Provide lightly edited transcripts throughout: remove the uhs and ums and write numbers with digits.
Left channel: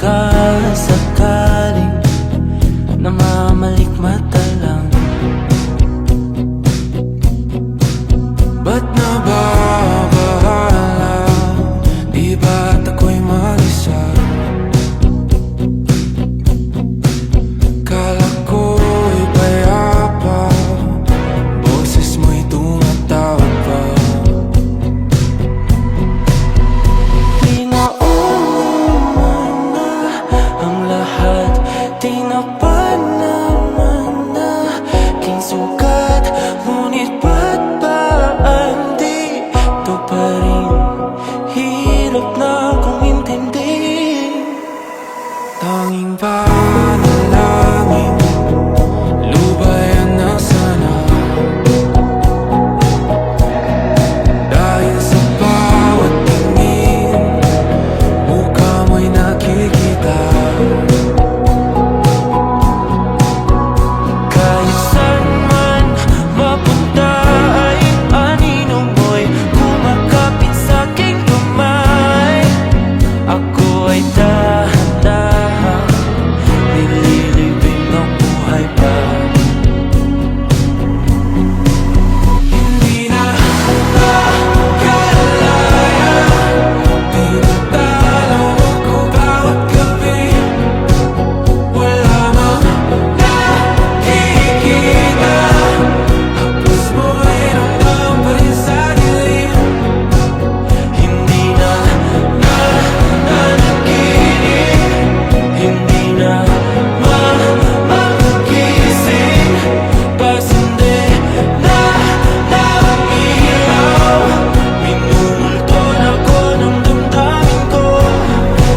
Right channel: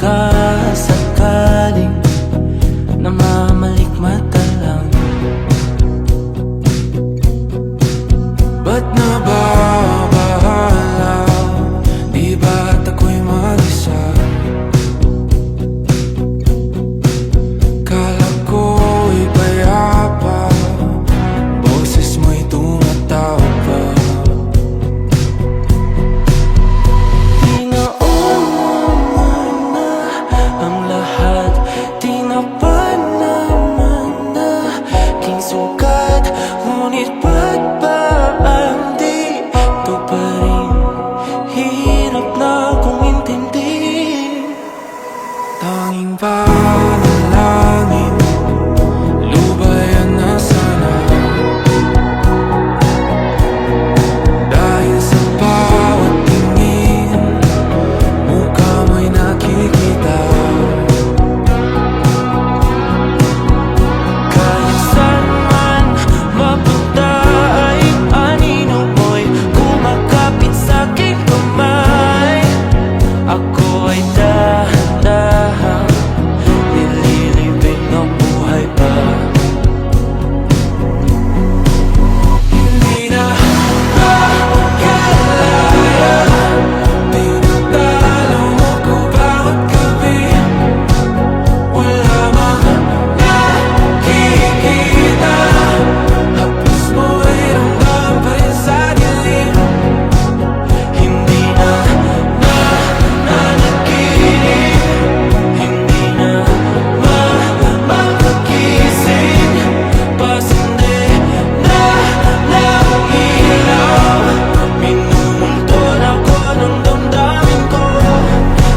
Pagkasakaling namamalikmata lang, ba't nababahala? Di ba't ako'y mag-isa? Kala ko'y payapa, boses mo'y tumatawag pa. Di naman na ang lahat, di na pa naman na king sugat. Ngunit ba't ba ang dito pa rin? Hirap na kong intindihin. Tanging panalangin, lubayan na sana. Dahil sa bawat tingin, mukha mo'y nakikita. Kahit saan man mapunta ay anino mo'y kumakapit sa'king kamay. Ako ay dahan-dahang nililibing ng buhay pa. Hindi na makalaya, tinatalo mo ko bawat gabi. Wala mang nakikita, hapos mo'y ramdam pa rin sa dilim. Hindi na nananaginip, hindi na makagising. Pasindi na ng ilaw, minumulton ako ng damdamin ko,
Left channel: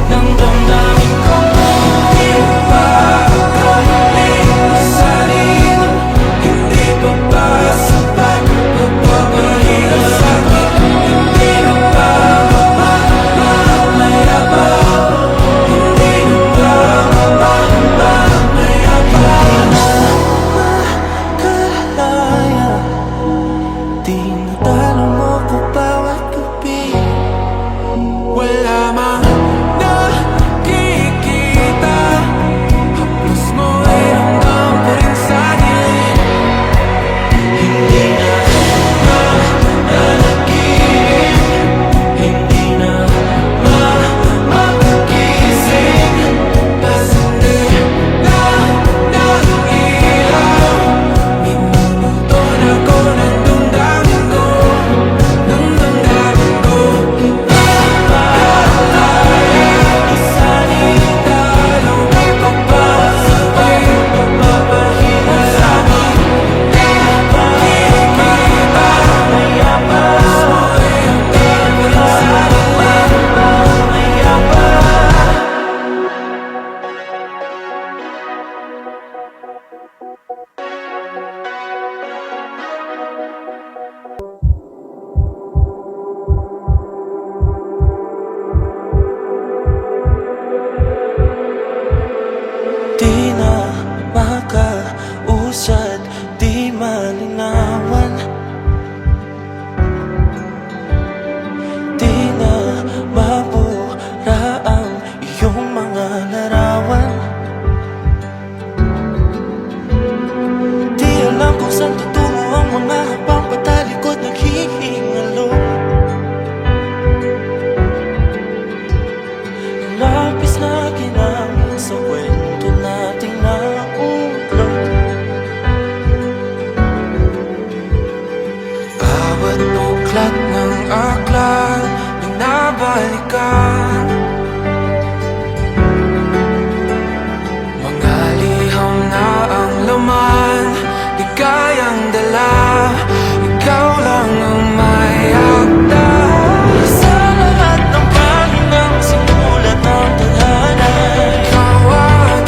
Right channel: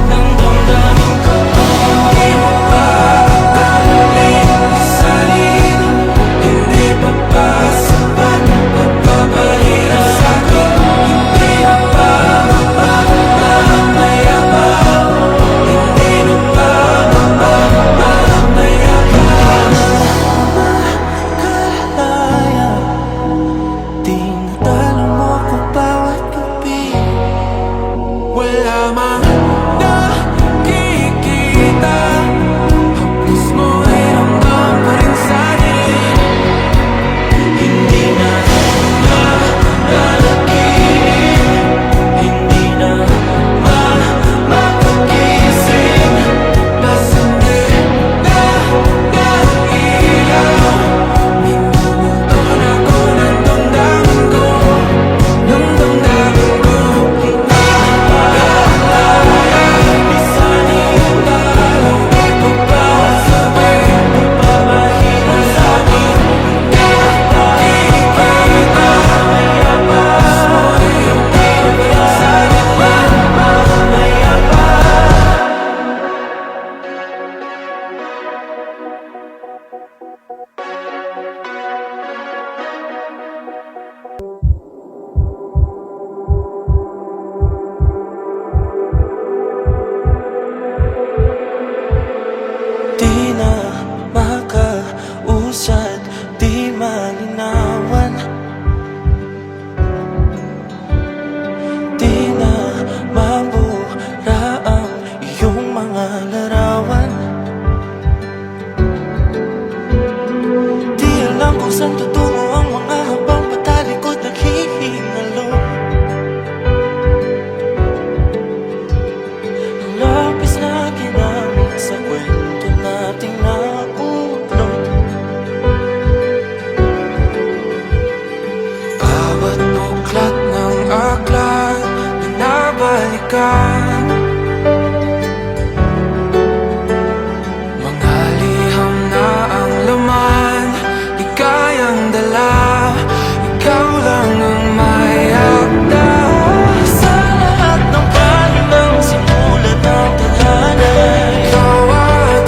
ng damdamin ko. Hindi mo pa akalaing isalin, hindi pa ba sapat nagpapahirap sa'kin? Hindi na ba mamamayabang? Hindi na ba mamamayabang? Makalaya, tinatalo mo ko bawat gabi. Wala mang nakikita, hapos mo ay ramdam pa rin sa dilim. Hindi na nananaginip, hindi na makagising. Pasindi na ng ilaw, minumulton ako ng damdamin ko, ng damdamin ko. Napakalaya, isanin dalaw ako bawat gabi. Papahina sa'kin, nakikita, mayabang. Mo'y ramdam pa rin sa'kin, mayabang. Di na makausad, di malinawan. Di na mabura ang iyong mga larawan. Di alam kung saan tutungo ang mga habang patalikod naghihingalo. Ang lapis na ginamit sa kwento nating naulot. Bawat buklat ng aklat binabalikan, mga liham na ang laman, ligayang dala. Ikaw lang ang may akda sa lahat ng pahinang sinulat ng tadhana. Ikaw at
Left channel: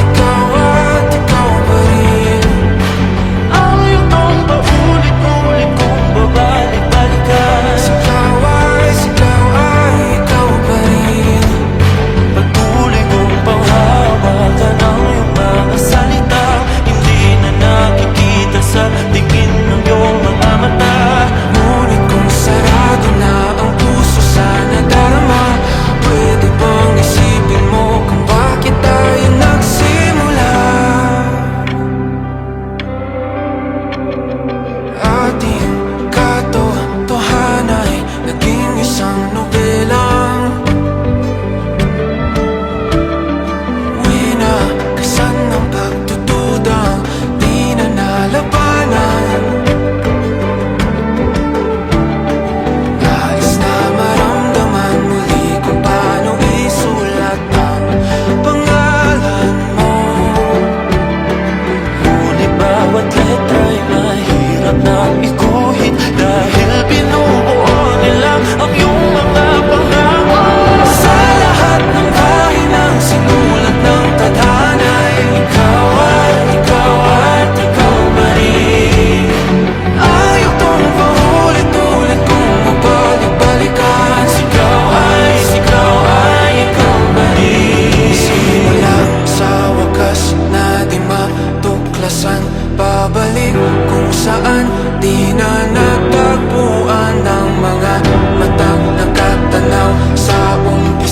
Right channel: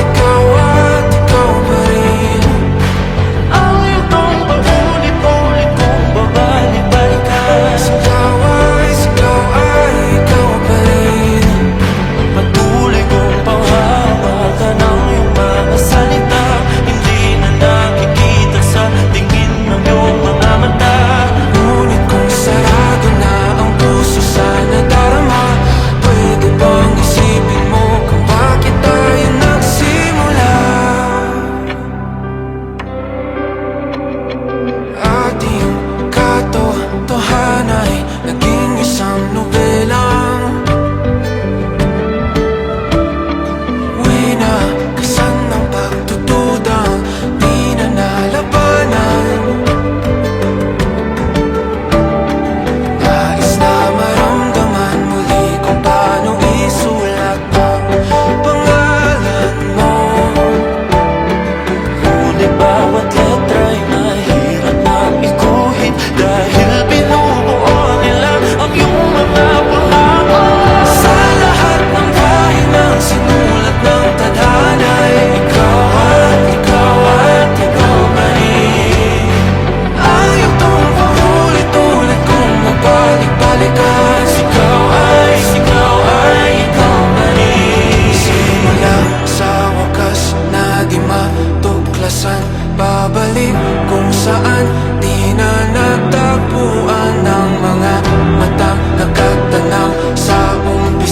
ikaw pa rin ang yugtong paulit-ulit kong babalik-balikan. Sigaw ay ikaw pa rin, patuloy kong panghawakan ang iyong mga salita. Hindi na nakikita sa tingin ng iyong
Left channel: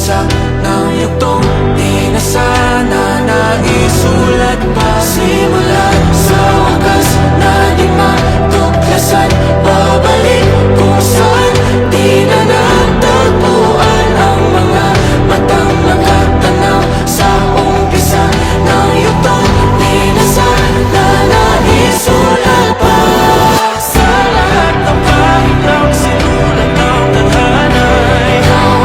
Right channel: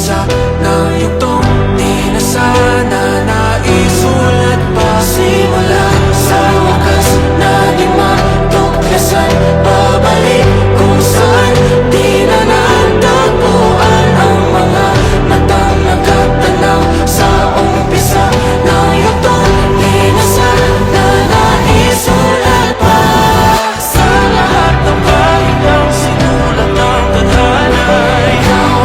umpisa ng yugtong di na sana naisulat pa. Simula sa wakas na di matuklasan, babalik kung saan di na natagpuan ang mga matang nagtatanaw sa umpisa ng yugtong di na sana naisulat pa. Sa lahat ng pahinang sinulat ng tadhana, ikaw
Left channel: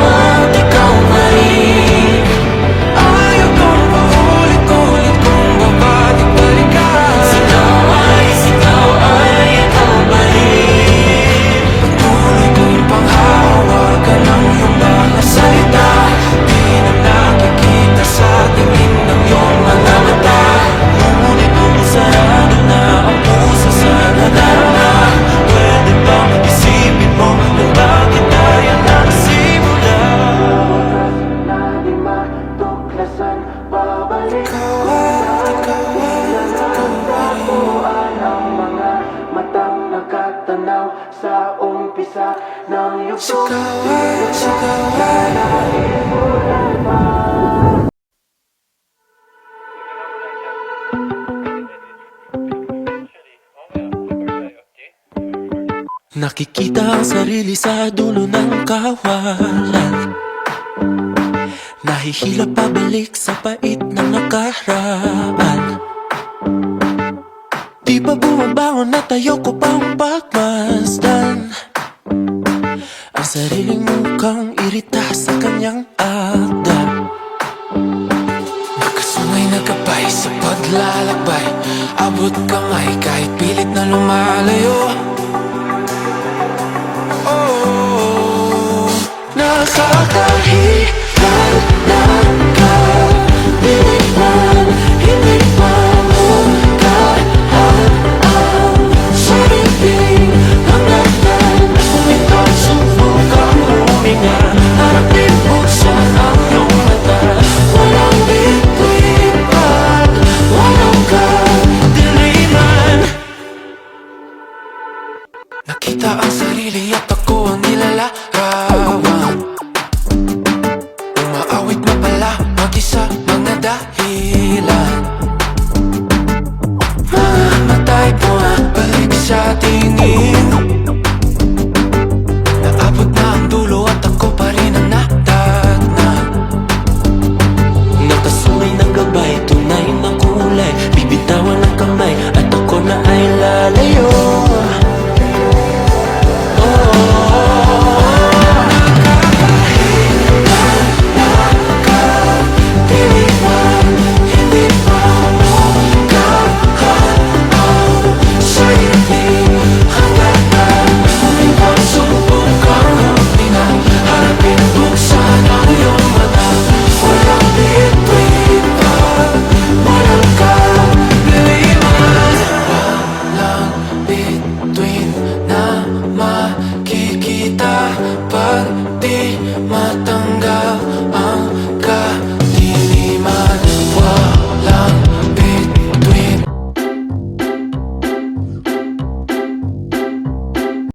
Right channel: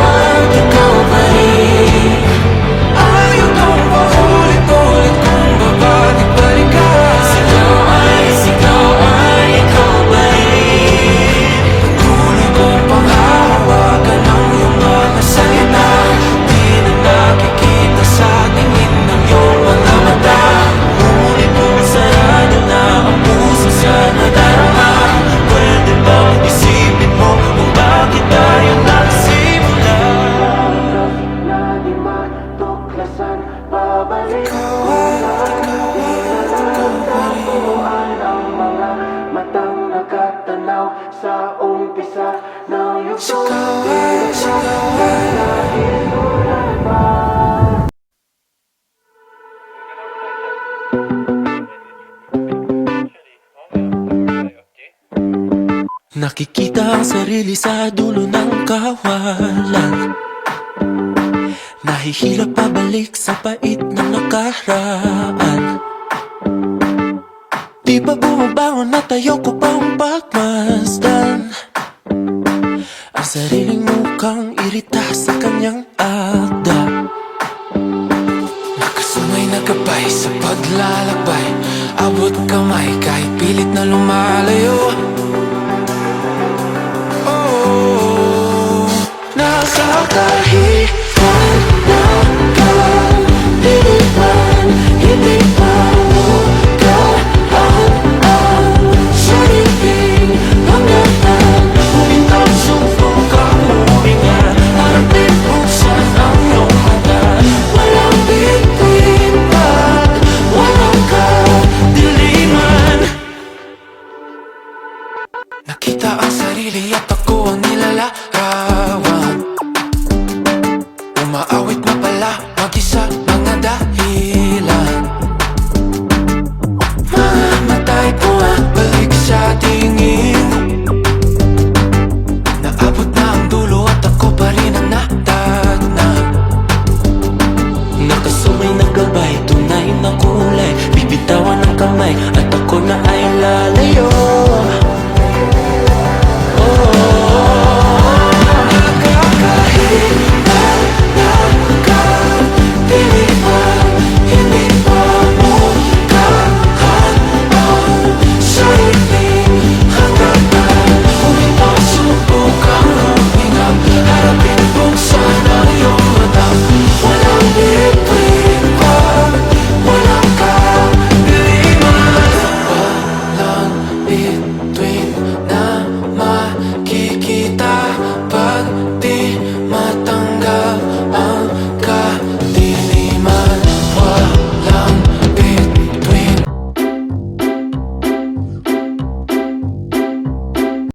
at ikaw pa rin. Ayaw kong paulit-ulit kung babalik-balikan. Ikaw ay ikaw pa rin. Patuloy kong panghahawakan ng iyong mga salita, di na nakikita sa tingin ng iyong mga mata. Ngunit kung sarado na ang puso sa nadarama, pwede bang isipin mo kung bakit tayo nagsimula? Na di matuklasan, babalik ikaw pa rin. Ang mga matang nakatanaw sa umpisa ng yugtong sana isulat pa. Nakikita ang sarili sa dulo ng kawalan, nahihila pabalik sa pait ng nakaraan. Di ba bumabangon at ayoko pang pagmasdan ang sariling mukhang irita sa kanyang akda. Nakasungay na gabay sa paglalakbay, abot kamay kahit pilit na lumalayo. Oh, nakakahilan na kapilit man, hindi pamukaan ang sariling hangganan. Huminto, subukang huminga, harapin, buksan ang iyong mata. Walang bituin pag walang kadiliman. Nakita ang sarili at ako ang nilalarawan. Umaawit na pala mag-isa mga dahilan. Mga mata'y bumabalik sa tingin. Naabot na ang dulo at ako pa rin ang natatna. Nakasungay na gabay, tunay na kulay, bibitawan ng kamay at ako na ay lalayo. Nakakahilan na kadiliman, hindi pamukaan ang sariling hangganan. Huminto, subukang huminga, harapin, buksan ang iyong mata. Walang bituin pag walang kadiliman. Walang bituin na makikita